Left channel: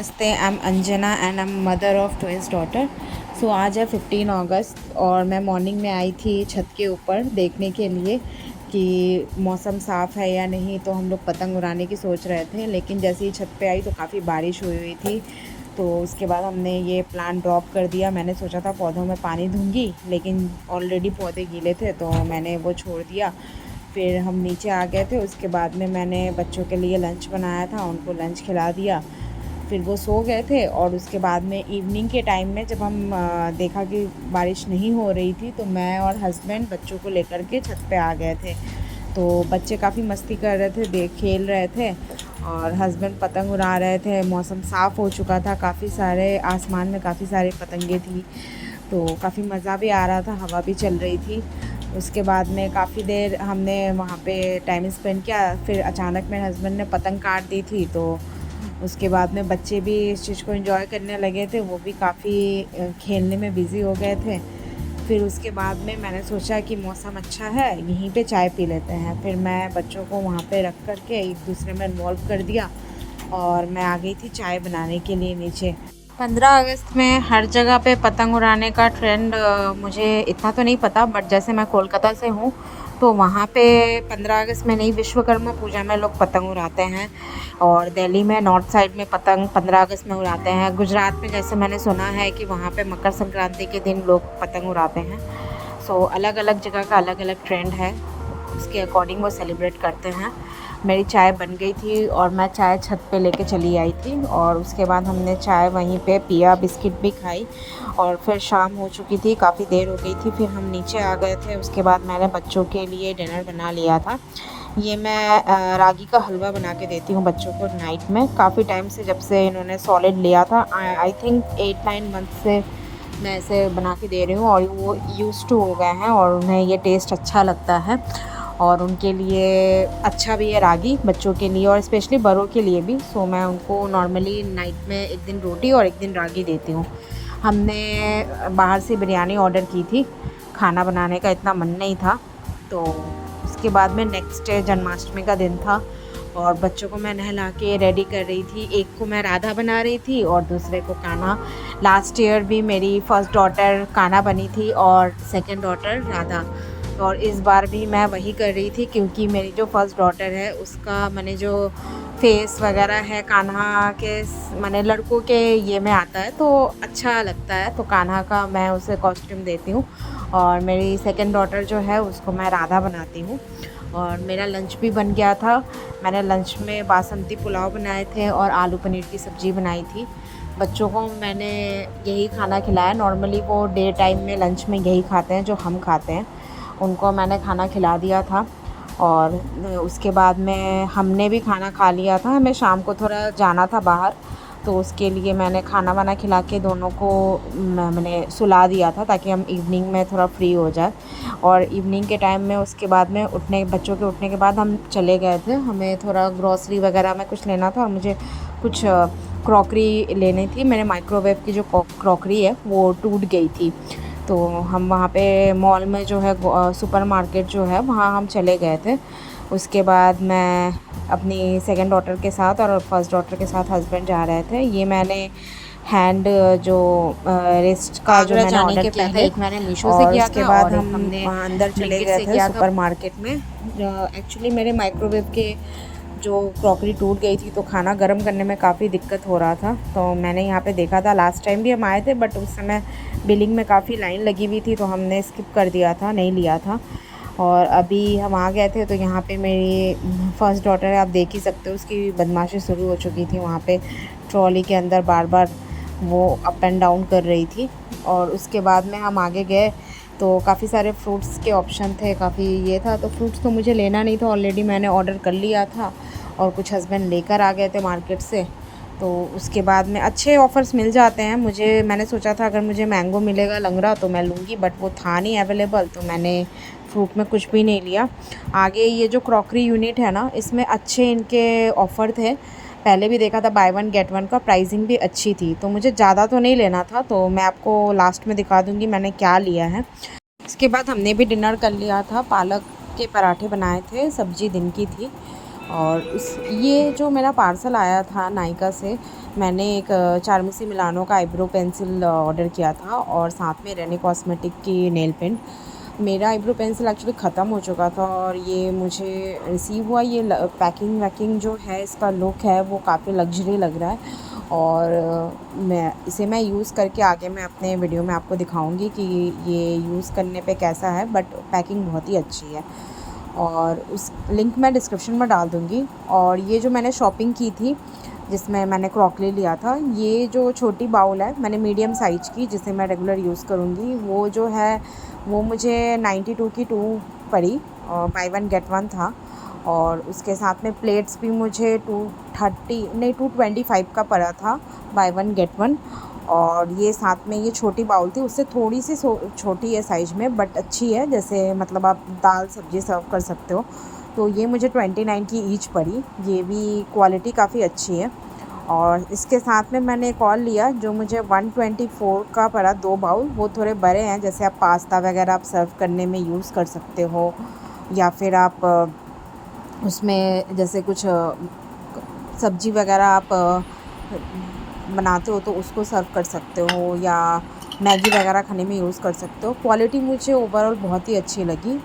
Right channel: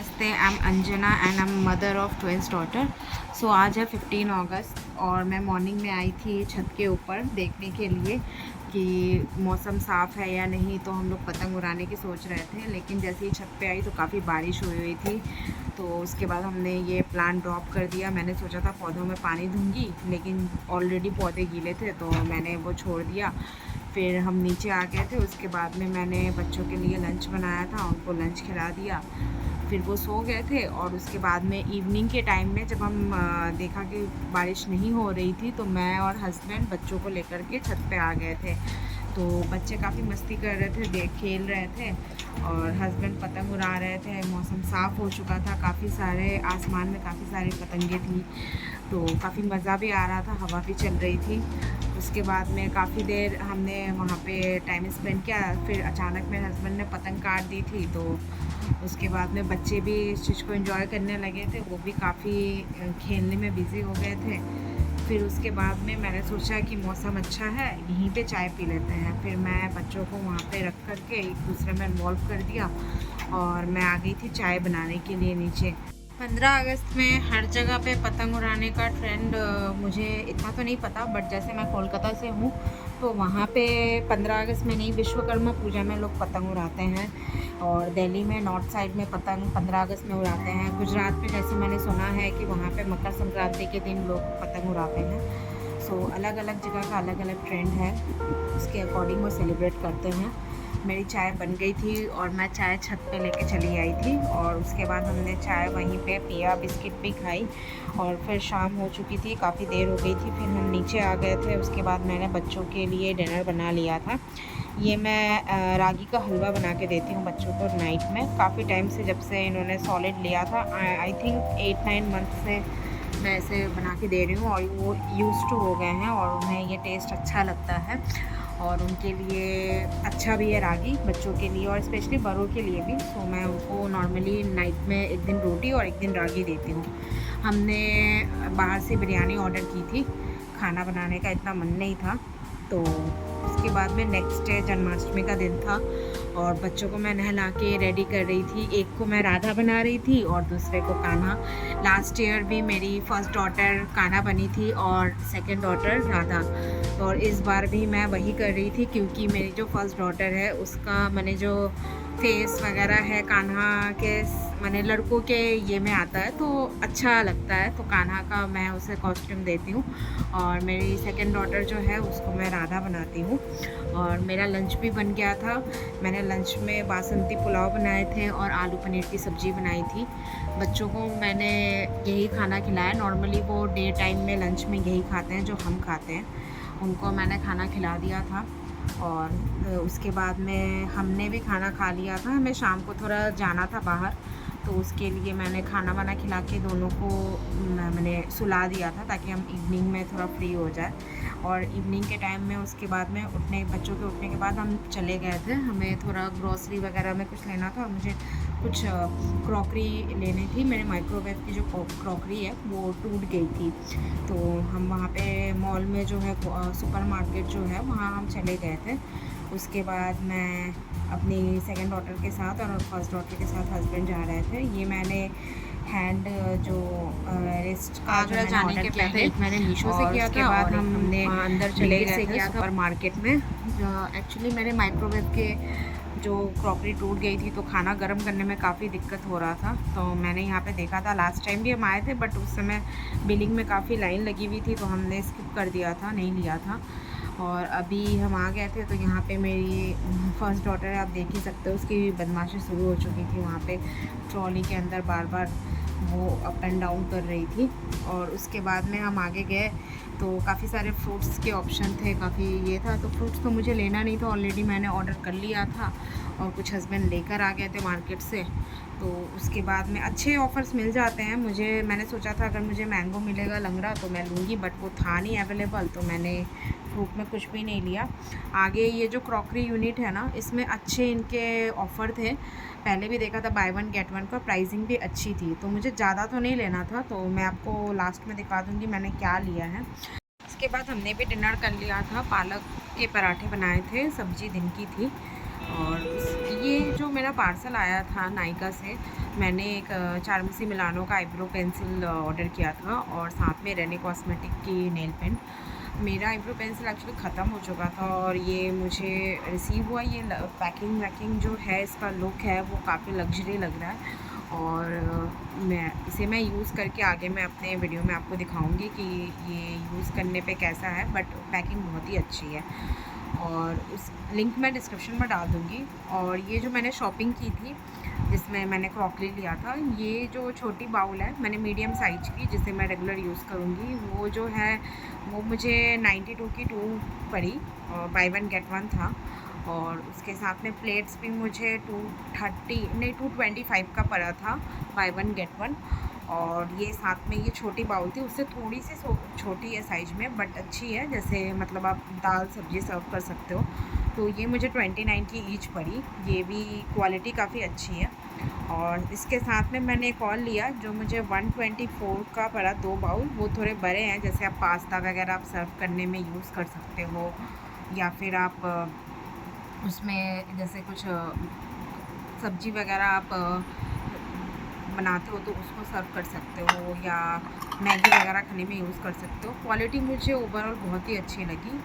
नमस्ते, I am Anjana and I am mother of twins daughter. So आज है 15 अगस्त और मैं मॉर्निंग में आई थी छत के ऊपर देखने के लिए कि मौसम साफ़ है या नहीं। तो हम लोग पतंग उड़ाने की सोच रहे थे, लेकिन जैसे ही छत पे आई तो काफ़ी बारिश हुई हुई थी। तो उसके बाद हमने ये प्लान ड्रॉप कर दिया। मैंने सोचा था पौधों में पानी दूंगी, लेकिन ऑलरेडी पौधे गीले थे तो मैंने वो छोड़ दिया। फिर हम नीचे आ गए थे। उसके बाद में मैंने बच्चों के लिए लंच बनाया था, उनको लंच खिला दिया। फिर वो सो गए थे और उसके बाद में इवनिंग के टाइम में जब हम देखा कि बारिश नहीं हो रही थी, तो मैं और हस्बैंड बच्चों को लेकर के छत पे आ गए थे। तो बच्चे काफ़ी मस्ती कर रहे थे, खेल रहे थे और हस्बैंड पतंग उड़ा रहे थे। मौसम साफ़ हो चुका था, काफ़ी सारे आसमान में काफ़ी सारी पतंगे थी, तो काफ़ी मज़ा भी आ रहा था, हवा भी चल रही थी। उसके बाद में काफ़ी देर हमने वहाँ पे टाइम स्पेंड किया। फिर अचानक मेरे हस्बैंड ने पतंग काट दी थी, तो उसके बाद में बच्चे भी इस चीज़ को एंजॉय करने लगे थे, वो भी काफ़ी खेलने में बिज़ी हो गए थे। फिर उसके बाद में मैंने सोचा कि मौसम अच्छा है, यहीं पे चाय पी लेते हैं। फिर मैं बच्चों को वहाँ पे रख कर के एक दूसरे में इन्वॉल्व कर दिया और मैं आ गई थी चाय बनाने के लिए नीचे। 15 अगस्त में हर जगह पे पतंग उड़ाने का ट्रेंड मुझे इतना तो नहीं पता, बट जैसे मैं कोलकाता से हूँ तो वहाँ पे 15 अगस्त में नहीं, विश्वकर्मा पूजा में लोग पतंग उड़ाते हैं। और दिल्ली में नॉर्थ साइड में पतंग 15 अगस्त में उड़ाते हैं। गुजरात में जैसे मैंने सुना है कि वहाँ पे मकर संक्रांति के दिन लोग पतंग उड़ाते हैं। सो अलग अलग जगह का अलग अलग ट्रेंड है, उसके अकॉर्डिंग वो सेलिब्रेट करते हैं। मेरी चाय बन गई थी और मैं चाय छत पे लेके चली आई थी और उसके बाद हमने चाय वहीं पे पिया, बिस्किट भी खाई और फिर शाम हो चुकी थी, काफ़ी देर हो गई थी। फिर हम नीचे आ गए थे। उसके बाद मैंने बच्चों के लिए डिनर बना लिया था। ये मैं रागी का हलवा बना के देती हूँ बच्चों को नाइट में। काफ़ी टाइम से, जब से इन्होंने सॉलिड लिया था, आई थिंक 8-9 मंथ से मैं ऐसे बना के दे रही हूँ और वो यूज़ टू हो गए हैं और उन्हें ये टेस्ट अच्छा लगता है और उनके लिए अच्छा भी है रागी, बच्चों के लिए और स्पेशली बड़ों के लिए भी। सो मैं उनको नॉर्मली नाइट में एक दिन रोटी और एक दिन रागी देती हूँ। हमने बाहर से बिरयानी ऑर्डर की थी, खाना बनाने का इतना मन नहीं था। तो उसके बाद में नेक्स्ट डे जन्माष्टमी का दिन था और बच्चों को मैं नहला के रेडी कर रही थी। एक को मैं राधा बना रही थी और दूसरे को कान्हा। लास्ट ईयर भी मेरी फर्स्ट डॉटर कान्हा बनी थी और सेकंड डॉटर राधा, और इस बार भी मैं वही कर रही थी क्योंकि मेरी जो फर्स्ट डॉटर है उसका मैंने जो फेस वगैरह है कान्हा के, मैंने लड़कों के ये में आता है तो अच्छा लगता है, तो कान्हा का मैं उसे कॉस्ट्यूम देती हूँ। और मेरी सेकंड डॉटर जो है उसको मैं राधा बनाती हूँ। और मेरा लंच भी बन गया था। मैंने लंच में बासमती पुलाव बनाए थे और आलू पनीर की सब्ज़ी बनाई थी। बच्चों को मैंने यही खाना खिलाया। नॉर्मली वो डे टाइम में लंच में यही खाते हैं जो हम खाते हैं, उनको मैंने खाना खिला दिया था। और उसके बाद में हमने भी खाना खा लिया था। हमें शाम को थोड़ा जाना था बाहर, तो उसके लिए मैंने खाना वाना खिला के दोनों को मैंने सुला दिया था ताकि हम इवनिंग में थोड़ा फ्री हो जाए। और इवनिंग के टाइम में उसके बाद में बच्चों के उठने के बाद हम चले गए थे। हमें थोड़ा ग्रॉसरी वगैरह में कुछ लेना था और मुझे कुछ क्रॉकरी लेनी थी। मेरे माइक्रोवेव की जो क्रॉकरी है वो टूट गई थी, तो हम वहाँ पे मॉल में जो है सुपर मार्केट जो है वहाँ हम चले गए थे। उसके बाद मैं अपनी सेकंड डॉटर के साथ और फर्स्ट डॉटर के साथ हस्बैंड जा रहे थे। ये मैंने हैंड जो रिस्ट का जो मैंने ऑर्डर किया था, एक मैंने मीशो से किया था और हमने अंदर चले गए थे सुपर मार्केट में। एक्चुअली मेरे माइक्रोवेव के जो क्रॉकरी टूट गई थी तो खाना गर्म करने में काफ़ी दिक्कत हो रहा था, तो मैंने यहाँ पे देखा था। लास्ट टाइम भी हम आए थे बट उस समय बिलिंग में काफ़ी लाइन लगी हुई थी तो हमने स्किप कर दिया था, नहीं लिया था। और अभी हम आ गए थे तो यहाँ पे मेरी फर्स्ट डॉटर है, आप देख ही सकते हो, उसकी बदमाशी शुरू हो चुकी थी। वहाँ पे ट्रॉली के अंदर बार बार वो अप एंड डाउन कर रही थी। और उसके बाद में हम आगे गए तो काफ़ी सारे फ्रूट्स के ऑप्शन थे, काफ़ी ये था। तो फ्रूट्स तो मुझे लेना नहीं था, ऑलरेडी मैंने ऑर्डर कर लिया था और कुछ हस्बैंड लेकर आ गए थे मार्केट से। तो उसके बाद में अच्छे ऑफ़र्स मिल जाते हैं मुझे। मैंने सोचा था अगर मुझे मैंगो मिलेगा लंगड़ा तो मैं लूँगी, बट वो था नहीं अवेलेबल, तो मैंने फ्रूट में कुछ भी नहीं लिया। आगे ये जो क्रॉकरी यूनिट है ना, इसमें अच्छे इनके ऑफ़र थे। पहले भी देखा था बाय वन गेट वन का, प्राइसिंग भी अच्छी थी, तो मुझे ज़्यादा तो नहीं लेना था। तो मैं आपको लास्ट में दिखा दूँगी मैंने क्या लिया है। इसके बाद हमने भी डिनर कर लिया था। पालक के पराठे बनाए थे, सब्ज़ी दिन की थी। और उस ये जो मेरा पार्सल आया था नायका से, मैंने एक चारमेसी मिलानो का आईब्रो पेंसिल ऑर्डर किया था और साथ में रेने कॉस्मेटिक की नेल पेंट। मेरा आईब्रो पेंसिल एक्चुअली ख़त्म हो चुका था और ये मुझे रिसीव हुआ। ये पैकिंग वैकिंग जो है, इसका लुक है वो काफ़ी लग्जरी लग रहा है और मैं यूज़ करके आगे मैं अपने वीडियो में आपको दिखाऊंगी कि ये यूज़ करने पे कैसा है, बट पैकिंग बहुत ही अच्छी है और उस लिंक मैं डिस्क्रिप्शन में डाल दूँगी। और ये जो मैंने शॉपिंग की थी जिसमें मैंने क्रॉकरी लिया था, ये जो छोटी बाउल है मैंने मीडियम साइज़ की जिसे मैं रेगुलर यूज़ करूँगी, वो जो है वो मुझे 92 की 2 पड़ी और बाय वन गेट वन था। और उसके साथ में प्लेट्स भी मुझे 230 नहीं 225 का पड़ा था, बाय वन गेट वन। और ये साथ में ये छोटी बाउल थी, उससे थोड़ी सी छोटी है साइज़ में, बट अच्छी है, जैसे मतलब आप दाल सब्ज़ी सर्व कर सकते हो। तो ये मुझे 29 की ईच पड़ी, ये भी क्वालिटी काफ़ी अच्छी है। और इसके साथ में मैंने एक और लिया जो मुझे 124 का पड़ा, 2 बाउल, वो थोड़े बड़े हैं, जैसे आप पास्ता वगैरह आप सर्व करने में यूज़ कर सकते हो, या फिर आप उसमें जैसे कुछ सब्ज़ी वगैरह आप बनाते हो तो उसको सर्व कर सकते हो, या मैगी वगैरह खाने में यूज़ कर सकते हो। क्वालिटी मुझे ओवरऑल बहुत ही अच्छी लगी